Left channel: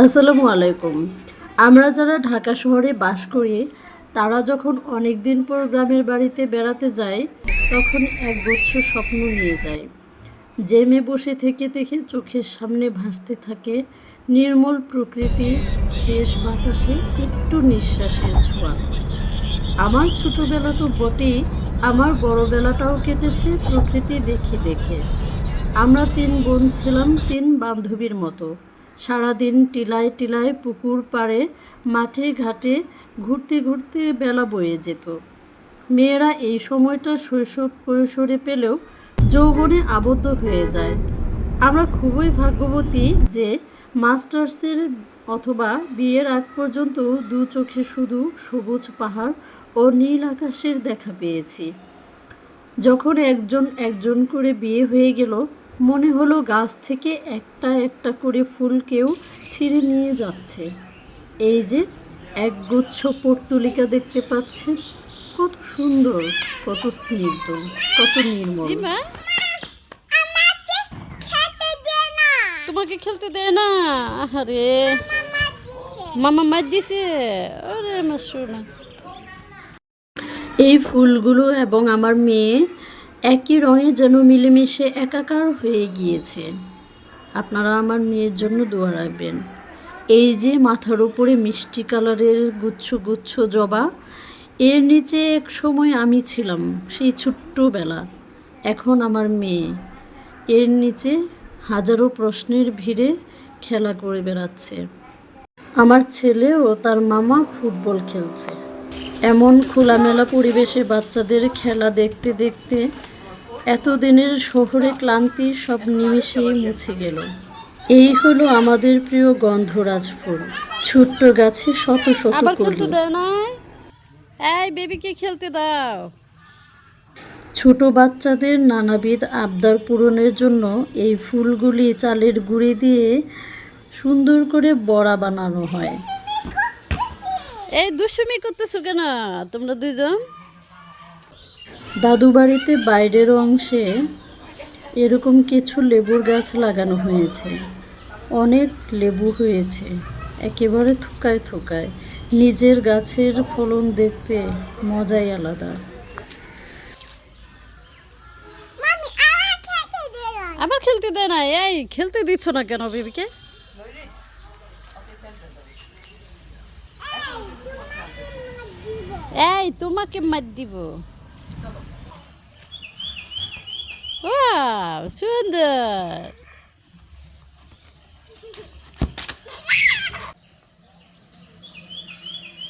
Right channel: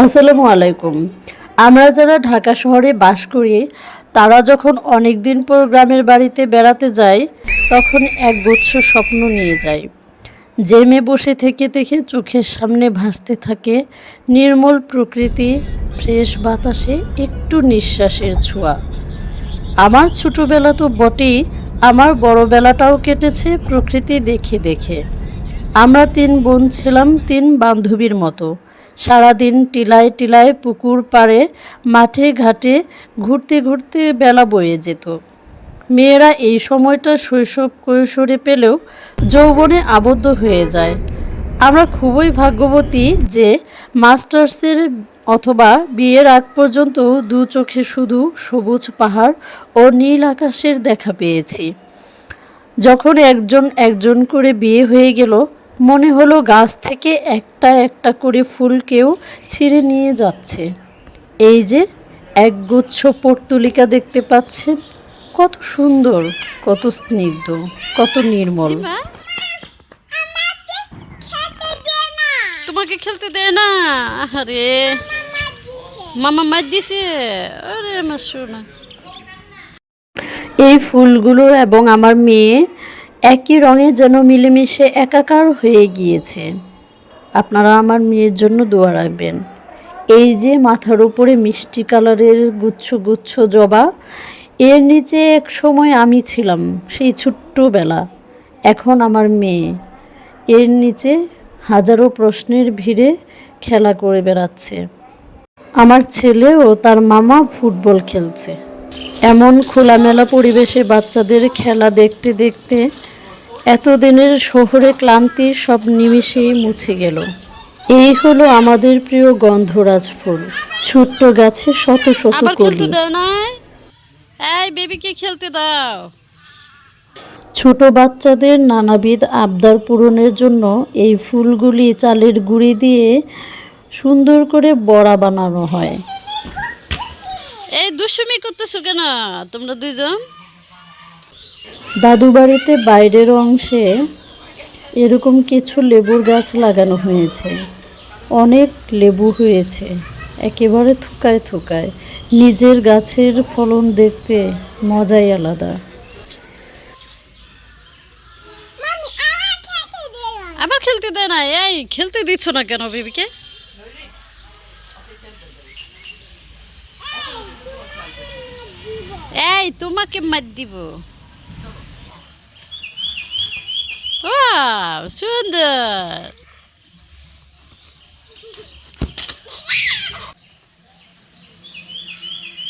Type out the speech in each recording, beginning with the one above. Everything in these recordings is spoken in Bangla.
আসসালামু আলাইকুম। আমরা যারা ঢাকা শহরে বাস করি তারা যখন অনেক দিন পর গ্রামের বাড়িতে বেড়াতে যাই তখন একগুচ্ছ স্বপ্ন নিয়ে যাই। জেমে বসে থেকে থেকে চোখের সামনে ভাসতে থাকে নির্মল প্রকৃতি, ফ্রেশ বাতাসে একটু নিঃশ্বাসের ছোঁয়া। আমার ছোটবেলা তো বটেই, আমার বড়বেলাটাও কেটেছে প্রকৃতি দেখে দেখে। আমরা ৩ বোন ছিলাম ৩ বান্ধবীর মতো। সারাদিন টিলায় টিলায় পুকুর পাড়ে মাঠে ঘাটে ঘুরতে ঘুরতে বেলা বয়ে যেত। মেয়েরা এই সময়টা শৈশব কৈশোরে পেলেও যৌবনে আবদ্ধ হয়ে যায়। আমরা খুবই ভাগ্যবতী যে মাস্টার্সের অথবা বিয়ের আগ পর্যন্ত দু চোখে শুধু সবুজ পাহাড় ও নীল আকাশের দেখা পেয়েছি। যখন একজন একজন করে বিয়ে হয়ে গেল মনে হলো গাছ থেকে একটা একটা করে ফুল কেউ ছিঁড়ে নিয়ে যাচ্ছে। এই যে একগুচ্ছ পর্তুলিকা দেখতে পাচ্ছেন, কত সুন্দর, কত স্নিগ্ধ, কত নির্মল। তোমাকে খেলতে দেয় না? আরে মামা মার দিছে। আরে আমার সোনা। এই ফুলগুলো এবং আমার মেয়ে একই রঙে যেন মিলেমিশে একাকার হয়ে গিয়েছে। আপনারা আমার মেয়ের জন্য দোয়া রাখবেন। এই যে মাথার উপরে মিষ্টি কালারের গুচ্ছ গুচ্ছ জবা, এর নিচে এক সময় আমি ছিলাম, সেই ছোট্টবেলা। এখন আমার মেয়ে, এর নিচে হাজারো প্রশ্নের ভিড়ে খেলা করে বেড়াচ্ছে। আমার ছেলে ও তার মামা ফুটবল খেলছে। এমন খোলামেলা পরিবেশে বাচ্চাদের খেলা দেখতে দেখতে এতদিনের শহরে ক্লান্তি সব নিমিষেই মুছে গেল। এই হলো আমাদের প্রিয় গন্ধরাজ ফুল, ছোট্ট গাছে শত শত আবার খেলতে কলি। দাও না? এই বেবিকে খেলতে দাও। ছোট বাচ্চাদের নানাবিধ আবদার পূরণের জন্য এই ফুলগুলি চালের গুঁড়ি দিয়ে সুন্দর করে বড়া বানানো হয়। এই দুষ্টুমি করতেছো কেন তোমরা দুইজন? দাদু বাড়িতে বাইরের অংশে এরকম কিছু লেবুর গাছ লাগানো হয়েছে। অনেক লেবু হয়েছে, একেবারে থোকায় থোকায়। নিজের গাছের ফলন দেখতে মজাই আলাদা। আবার খেলতে দেয় না? এই খেলতে দিচ্ছ না কেন বেবিকে? এই তোমাকে মার দিব। ওয়াও সুন্দর।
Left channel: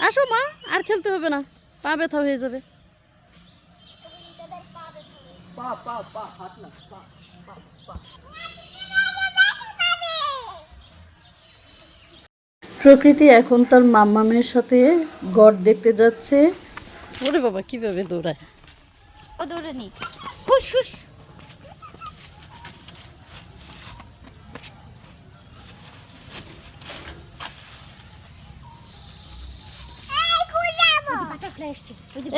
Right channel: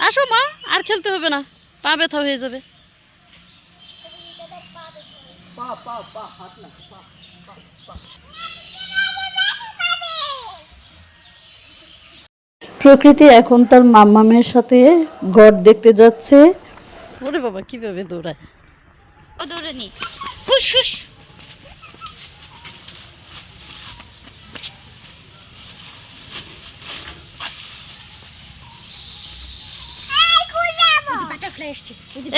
আসো মা, আর খেলতে হবে না, পা ব্যথা হয়ে যাবে। প্রকৃতি এখন তার মাম্মামের সাথে গড় দেখতে যাচ্ছে। ওরে বাবা কিভাবে দৌড়ায়! ও দৌড়ানি, হুশ হুশ।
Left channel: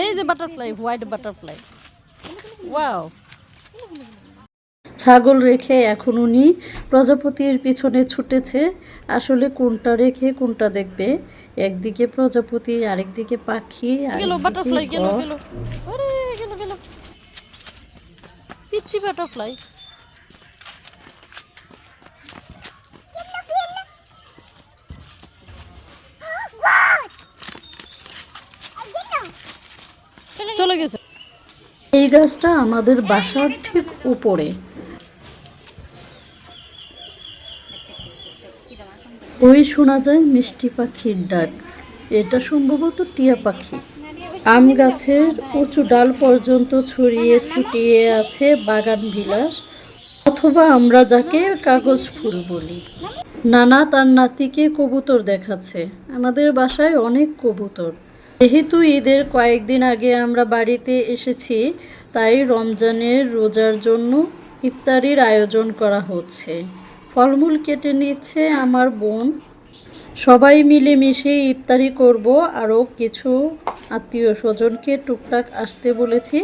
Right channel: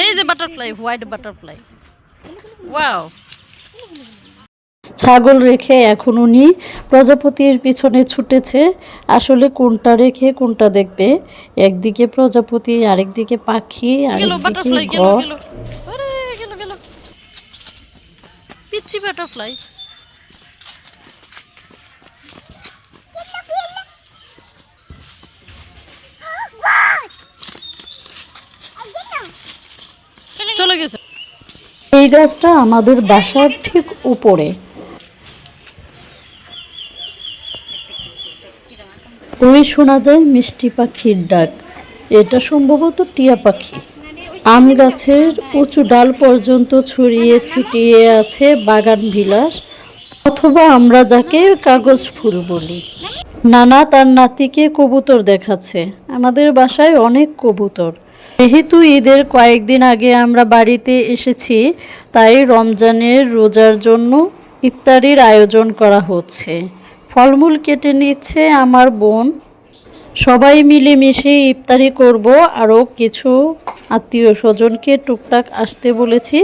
এই যে বাটারফ্লাই, হোয়াইট বাটারফ্লাই। ওয়াও। ছাগল রেখে এখন উনি প্রজাপতির পিছনে ছুটেছে। আসলে কোনটা রেখে কোনটা দেখবে, একদিকে প্রজাপতি, আরেকদিকে পাখি, গেল বাটারফ্লাই, আরেকদিকে গেল ঘর। গেল। আরে গেল গেল, পিচ্চি বাটারফ্লাই। চলে গেছে। এই গাছটা আমাদের বাসার ঠিক উপরে। ওই শোনা যায় মিষ্টি পাখির ডাক। এটা সম্ভবত টিয়া পাখি। আম গাছের উঁচু ডাল পর্যন্ত ছড়িয়ে ছিটিয়ে আছে বাগান বিলাস, অথবা আমরা যাকে কাগজ ফুল বলি। নানা তার নাতিকে কবুতর দেখাচ্ছে। আমাদের বাসায় অনেক কবুতর। যেহেতু ঈদের কয়েকদিন আগে আমরা বাড়িতে এসেছি, তাই রমজানের রোজার জন্য ইফতারির আয়োজন করা হচ্ছে। ফলমূল কেটে নিচ্ছে আমার বোন। সবাই মিলেমিশে ইফতারি করব। আরও কিছু আত্মীয় স্বজনকে টুকটাক আসতে বলেছি।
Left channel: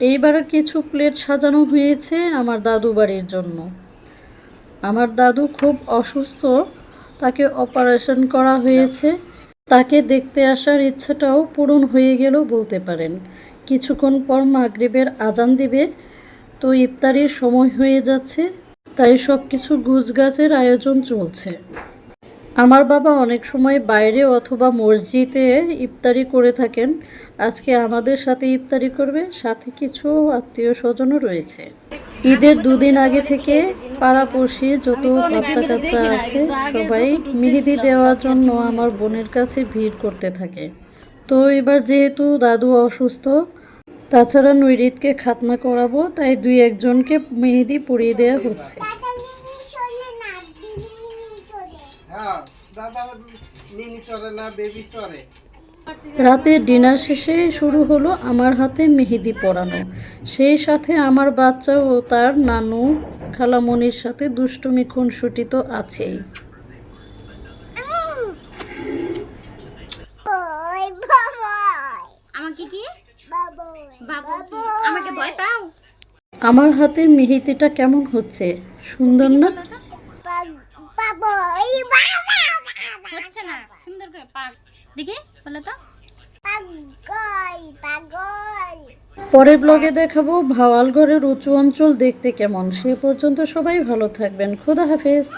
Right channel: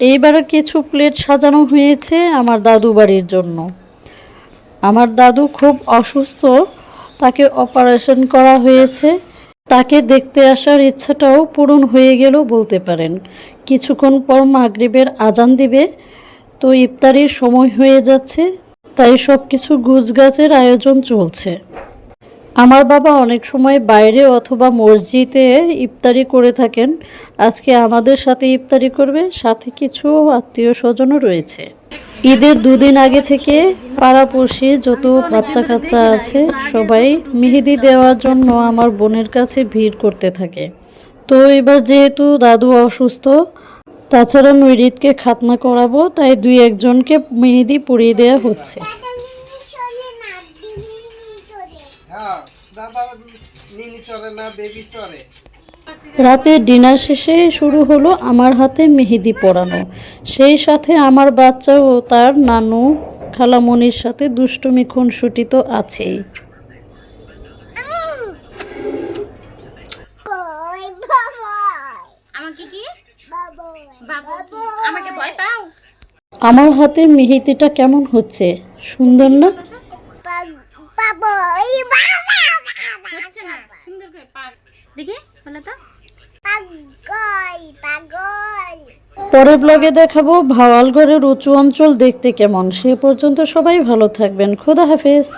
এইবার কিছু প্লেট সাজানো হয়েছে আমার দাদু বাড়ির জন্য। আমার দাদু খুব অসুস্থ, তাকে অপারেশন করা হয়েছে। তাকে দেখতে আসার ইচ্ছাটাও পূরণ হয়ে গেল বলতে পারেন। কিছুক্ষণ পর মাগরিবের আজান দিবে, তো ইফতারির সময় হয়ে যাচ্ছে, তাই সব কিছু গুছগাছের আয়োজন চলছে। আমার বাবা অনেক সময় বাইরে অথবা মসজিদে ইফতারি করে থাকেন। আজকে আমাদের সাথে ইফতারি করবে, সাথে কিছু আত্মীয় স্বজনও রয়েছে। ঈদের দুদিন আগে থেকে পাড়াপড়শি যত বাচ্চা কাচ্চা আছে সবাই মেহেদি দেওয়ার জন্য আমার বোনের কাছে ভিড় করতে থাকে। তো এবার যেহেতু দাদু অসুস্থ, তাছাড়া নৈরিতকে খাতনা করাবো, তাই দুই একজনকে মেহেদি পরিয়ে দেওয়া হচ্ছে। রাতে ডিনার শেষে শুরু হলো আমার হাতে মেহেদি পরানো। সেই সাথে আমার বাচ্চা ও তার নানু খালামণির সাথে দুষ্টুমি খুনসুটি তো আছেই। আমাকে কি বাবু আমাকে ভয় পাও? আমার হাতের মেহেদিটা কেমন হচ্ছে, সুন্দর না? হচ্ছে না সুন্দর করে দেখি বলো তো। পরের ব্লগে দেখাবো ভাওয়ালগড়ের উঁচু অঞ্চল দেখতে কেমন। সে পর্যন্ত সবাই ভালো থাকবেন। খোদা হাফেজ।